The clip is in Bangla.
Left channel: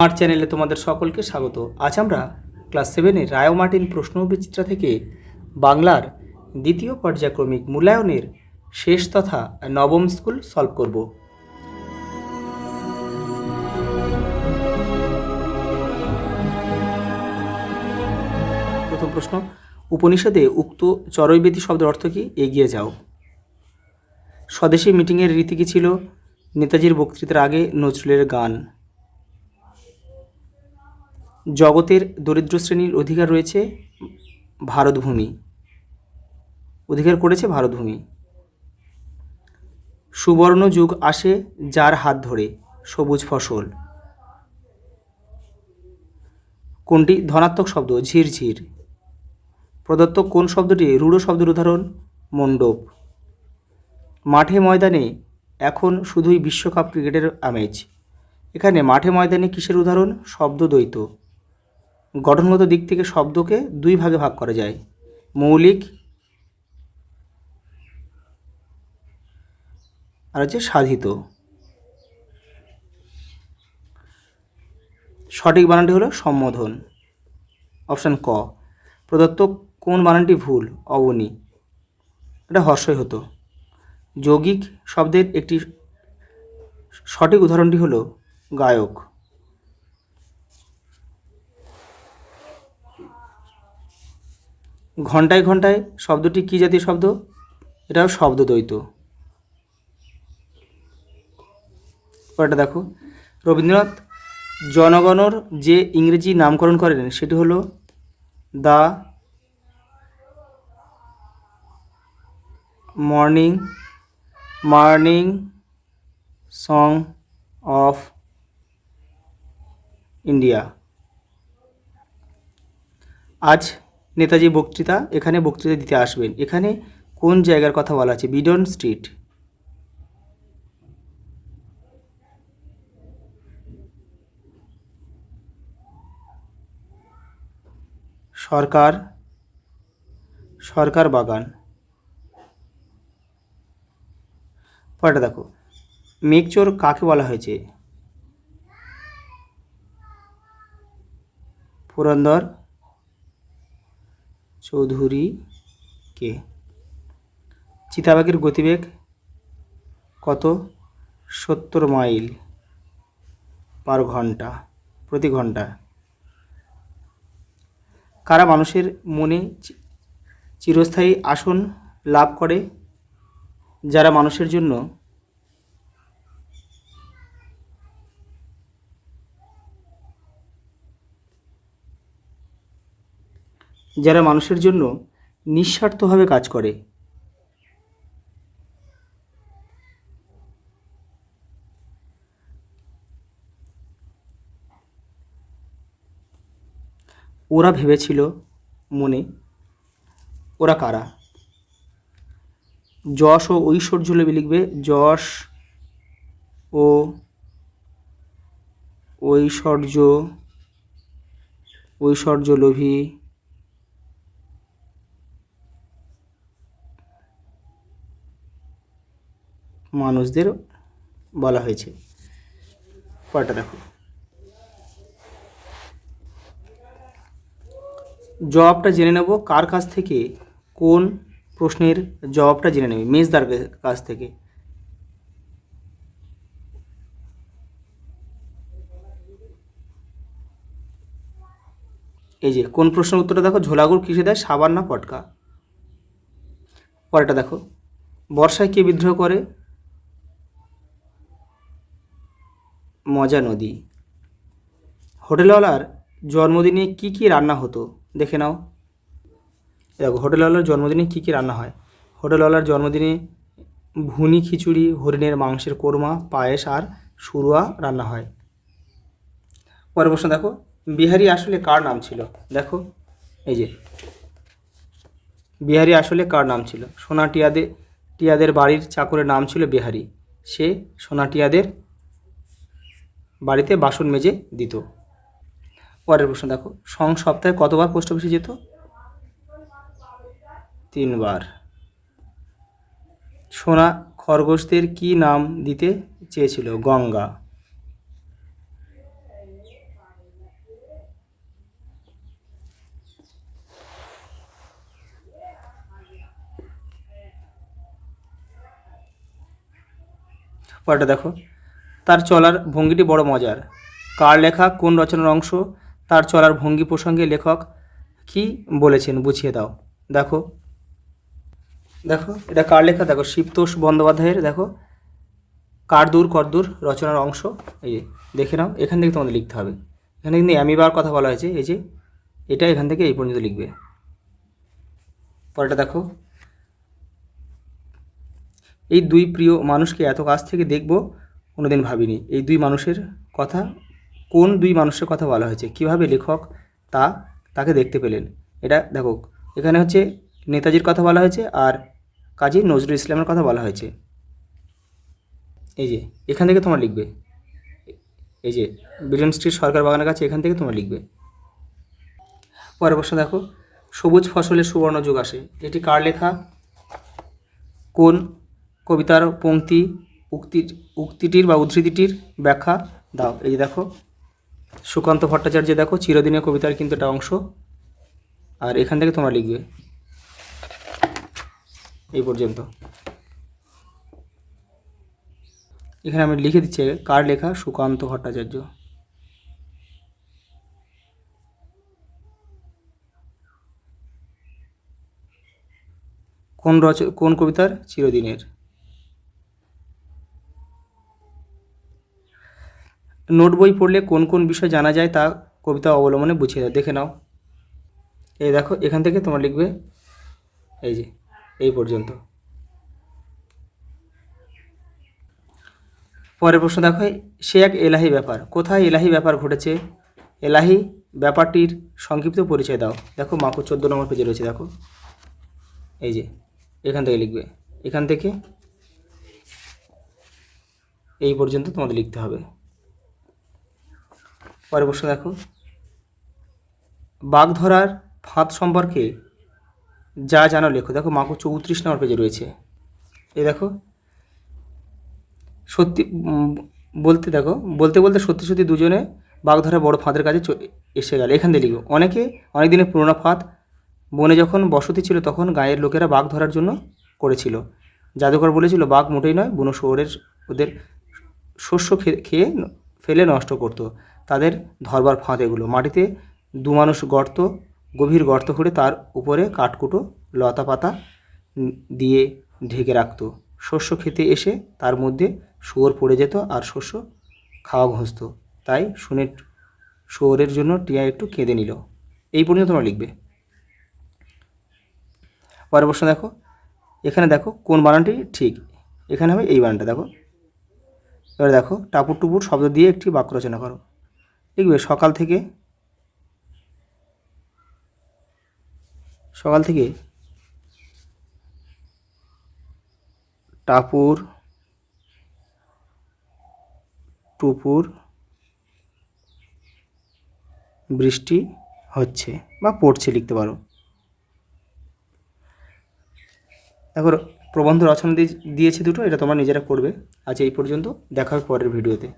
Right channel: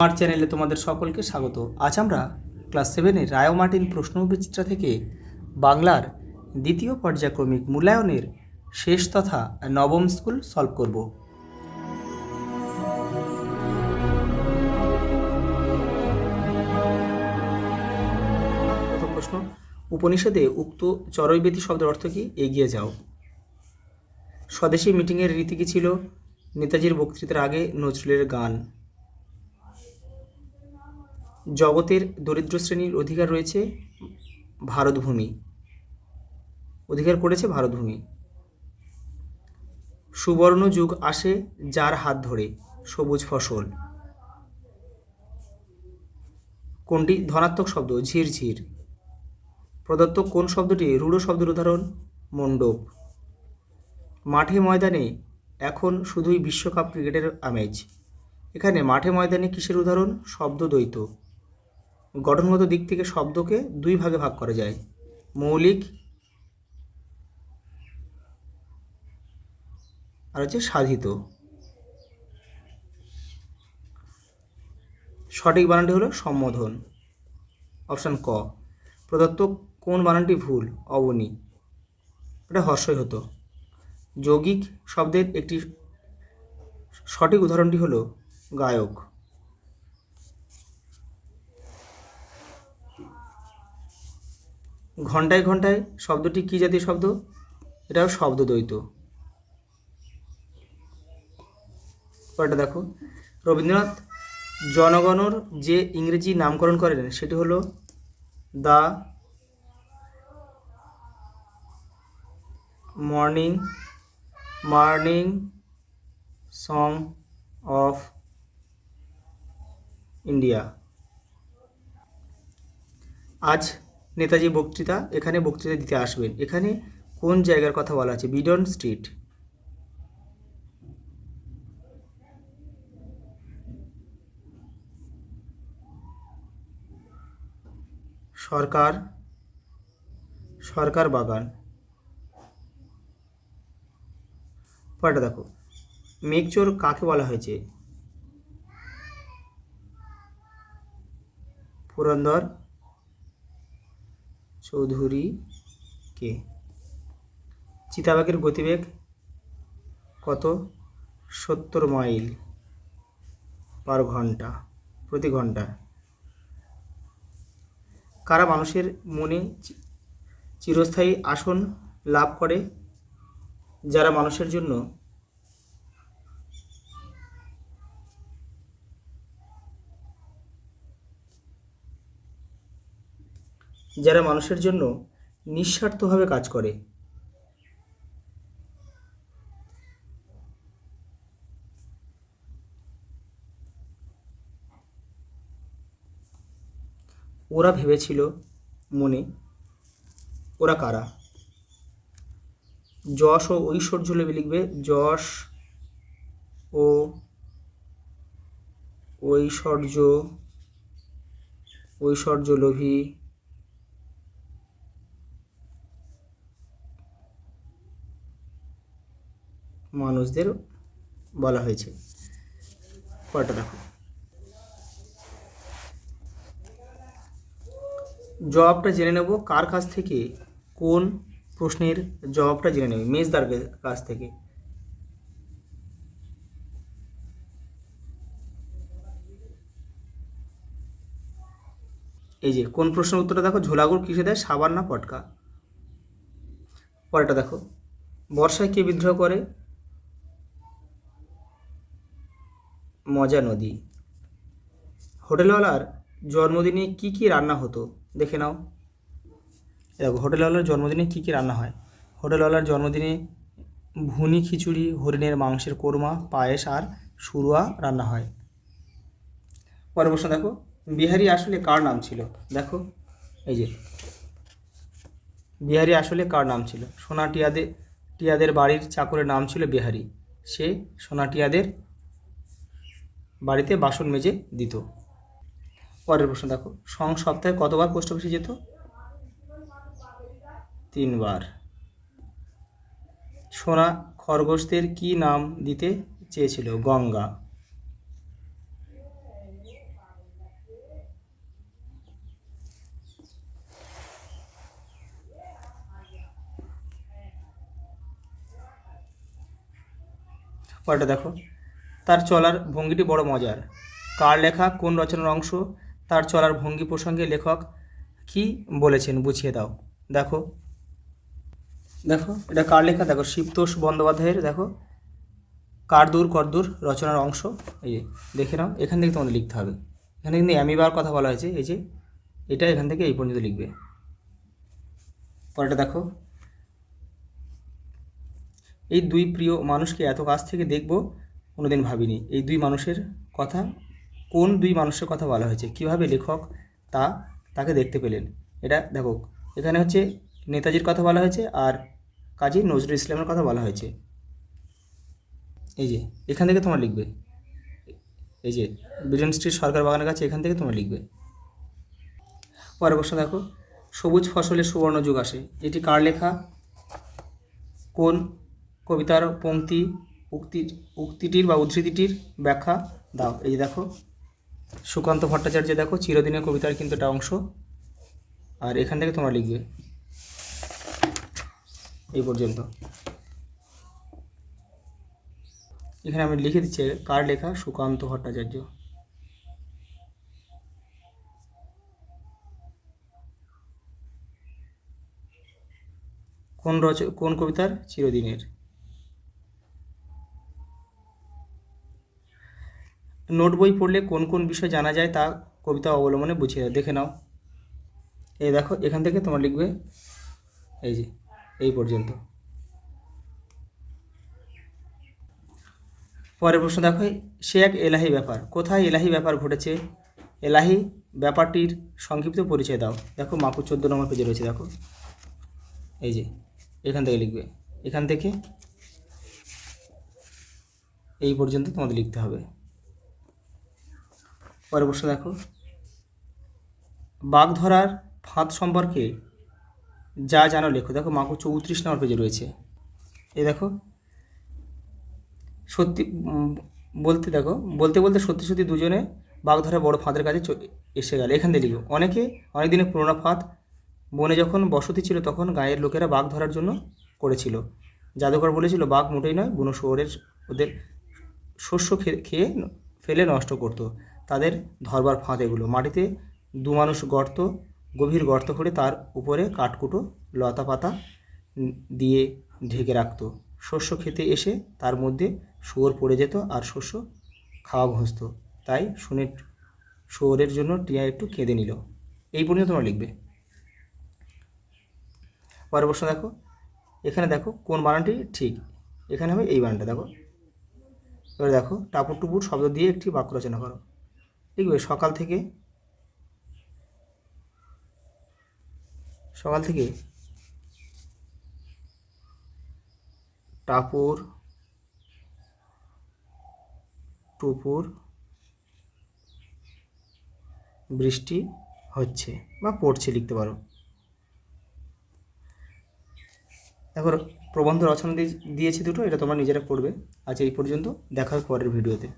আমার চ্যানেলে তোমাদের সকলকে স্বাগত। আজ আমরা ক্লাস 7-এর রায় ও মার্টিন প্রশ্ন ও বিচিত্রা থেকে বাংলার দ্বিতীয় পর্যায়ক্রমিক মূল্যায়নের শেষ তথা নবম স্কুল সলভ করব। প্রথম প্রশ্ন, উপনিষদে উক্ত চরৈবেতি শব্দের অর্থ কি? এগিয়ে যাও। স্বদেশী মিটিংয়ের রীতি কি ছিল? নেতাজির বক্তৃতার আগে নজরুলের গান। জগতের দরিদ্র শ্রেণীর অধিকার রয়েছে ভারতভূমি, অধিকার করেছে ভারতভূমি। সুবর্ণ যুগ আসে যার হাত ধরে, সবুজ ফসল। কোনটি ধনাত্মক শব্দ? ঝিরঝির। প্রদত্ত কোন শব্দটি রূঢ় শব্দের উদাহরণ? মণ্ডপ। মাঠে ময়দানে এখন শুধুই বিশ্বকাপ ক্রিকেটের আমেজ। এখানে মাঠে ময়দানে কিসের উদাহরণ? শব্দদ্বৈত। গঠনগত দিক থেকে শব্দকে দুই ভাগে ভাগ করা যায়, মৌলিক আর হচ্ছে সাধিত। সঠিক বানানটি হলো সম্বোধন, অপশান ক। প্রদত্ত কোন বানানটি ভুল? অবনী, এটা হর্ষই হতো। যৌগিক শব্দের একটি সঠিক উদাহরণটি হলো গায়ক। ঘণ্টায় ঘণ্টায় শব্দটি কী জাতীয় শব্দ? এটাও শব্দদ্বৈত। পরেরটা দেখো, রবীন্দ্রনাথ জনগণর যে ইংরেজি নামকরণ করেন সেটি হলো the morning song of India. আজ নেতাজি বক্তৃতা, এখানে বক্তৃতা দিতে আসবেন। এখানে কোন জায়গার কথা বলা আছে? Beadon street. সরকার বাগান। পরেরটা দেখো, মেঘচোর কাকে বলা হয়েছে? পুরন্দর চৌধুরীকে। চিতাবাঘের গতিবেগ কত? 70 মাইল পার ঘন্টা, প্রতি ঘন্টা। কারা মানুষের মনে চিরস্থায়ী আসন লাভ করে? যারা মানুষের জন্য নিঃস্বার্থভাবে কাজ করে। ওরা ভেবেছিল মনে, ওরা কারা? যশ ও ঐশ্বর্য লোভী লিখবে, যশ ও ঐশ্বর্য লোভী মানুষদের বলা হয়েছে। পরেরটা দেখো, জবাবটা জেনে নেব কার কাছ থেকে? কোন প্রশ্নের জবাবটা জেনে নেবে? মেজদার কাছ থেকে। এই যে কোন প্রশ্নের উত্তরটা দেখো, ঝোলাগুড় কিসে দেয়? সাবান না পটকা। পরেরটা দেখো, বর্ষায় কে বিদ্রোহ করে? মজা নদী। হোটেলওয়ালার জন্মদিনে কি কি রান্না হতো? দেখে নাও। দেখো, হোটেলওয়ালার জন্মদিনে কি কি রান্না হয়? হোটেলওয়ালার জন্মদিনে ভুনি খিচুড়ি, হরিণের মাংসের কোরমা, পায়েস আর সুরুয়া রান্না হয়। পরের প্রশ্ন দেখো, বিহারি আসলে কার নাম ছিল? দেখো, এই যে বিহারি আসলে কার নাম ছিল? সোনা টিয়াদের বাড়ির চাকরের নাম ছিল বিহারি। সে সোনা টিয়াদের বাড়িতে বাসন মেজে দিত। পরের প্রশ্ন দেখো, সপ্তাহে কতবার পোস্ট অফিসে যেত? 3 বার। সোনা খরগোশদের কি নাম দিতে চেয়েছিল? গঙ্গা। পরেরটা দেখো, তার চলার ভঙ্গিটি বড় মজার। কার লেখা, কোন রচনার অংশ? তার চলার ভঙ্গি প্রসঙ্গে লেখক কি বলেছেন বুঝিয়ে দাও। দেখো দেখো এটা কার লেখা? দেখো শিবতোষ বন্দ্যোপাধ্যায়ের দেখো কার দূর কদ্দূর রচনার অংশ। এই যে দেখে নাও, এখান থেকে তোমাদের লিখতে হবে। এখানে কিন্তু অ্যামিবার কথা বলা হয়েছে, এই যে এটা এখান থেকে এই পর্যন্ত লিখবে। পরেরটা দেখো, এই দুই প্রিয় মানুষকে এত কাছ থেকে দেখব কোনোদিন ভাবিনি। এই দুই মানুষের কথা, কোন দুই মানুষের কথা বলা হয়েছে, কিভাবে লেখক তাকে দেখতে পেলেন? এটা দেখো, এখানে হচ্ছে নেতাজির কথা বলা হয়েছে আর কাজী নজরুল ইসলামের কথা বলা হয়েছে। এই যে এখান থেকে তোমরা লিখবে, এই যে বিলিয়ন স্ট্রিট সরকার বাগানের কাছে, এখান থেকে তোমরা লিখবে। পরের প্রশ্ন দেখো, সবুজ ফসলের সুবর্ণ যুগ আসে, এটি কার লেখা? কোন কবিতার পংক্তি? উক্তিটির বা উদ্ধৃতিটির ব্যাখ্যা দাও। এই যে দেখো সুকান্ত ভট্টাচার্য, দেখো চিরদিনের কবিতার কিন্তু একটা অংশ, আর এখান থেকে তোমরা লিখবে এই পর্যন্ত। এখানে আমি লিখে দিচ্ছি কার লেখা, সুকান্ত ভট্টাচার্য। কোন কবিতার? চিরদিনের। নোট বই পড়লে কোন কোন বিষয় জানা যায় তা কবিতা অবলম্বনে বুঝিয়ে দাও। দেখে নাও, এই দেখো এখান থেকে তোমরা লিখবে এই যে এই পর্যন্ত। পরের প্রশ্ন দেখো, সে এক এলাহি ব্যাপার, কোথায় এলাহি ব্যাপার ঘটেছে? এলাহি ব্যাপারটির সংক্ষিপ্ত পরিচয় দাও। দেখো মাকু 14 নম্বর পেজে রয়েছে, দেখো এই যে এখান থেকে লিখবে, এখান থেকে এই পর্যন্ত তোমাদের লিখতে হবে। পরের প্রশ্ন দেখো, বাঘ ধরার ফাঁদ সম্পর্কে যা জানো লেখো। দেখো মাকু 34 নম্বর পেজে রয়েছে। এই দেখো সত্যি বলতে দেখো বলতে বলতে সত্যি সত্যি দুজনে বাঘ ধরা বড় ফাঁদের কাছে এসে গেল। এখান থেকে লিখো, অনেক দিনের পুরোনো ফাঁদ, বনে যখন বসতি ছিল তখন গাঁয়ের লোকেরা বাঘ ধরার জন্য করেছিল। জাদুকর বলেছিল বাঘ মোটেই নয়, বুনো শুয়োরের ওদের শস্য খেয়ে ফেলে নষ্ট করতো। তাদের ধরবার ফাঁদ এগুলো। মাটিতে মানুষ গভীর গর্ত করে তার উপরে কাঠকুটো লতা পাতা দিয়ে ঢেকে রাখতো। শস্য খেতে এসে তার মধ্যে শুয়োর পড়ে যেত আর শস্য খাওয়া ঘসত। তাই শুনে শুয়োরের জন্য টিয়া একটু কেঁদে নিল। এই পর্যন্ত তোমরা লিখবে। পরের প্রশ্ন দেখো, এখানে দেখো কোন বানানটি ঠিক? এখানে হবে এই বানানটা। দেখো এবার দেখো, টাপুর টুপুর শব্দ দিয়ে একটি বাক্য রচনা করো। লিখবে সকাল থেকে টাপুর টুপুর বৃষ্টি হচ্ছে বা পড়ছে লিখতে পারো। দেখো প্রবন্ধ রচনা দিয়েছি দুটো, এটা তোমরা নিজেরা পড়বে। আজ এই পর্যন্ত, দেখা হবে পরের ভিডিওতে।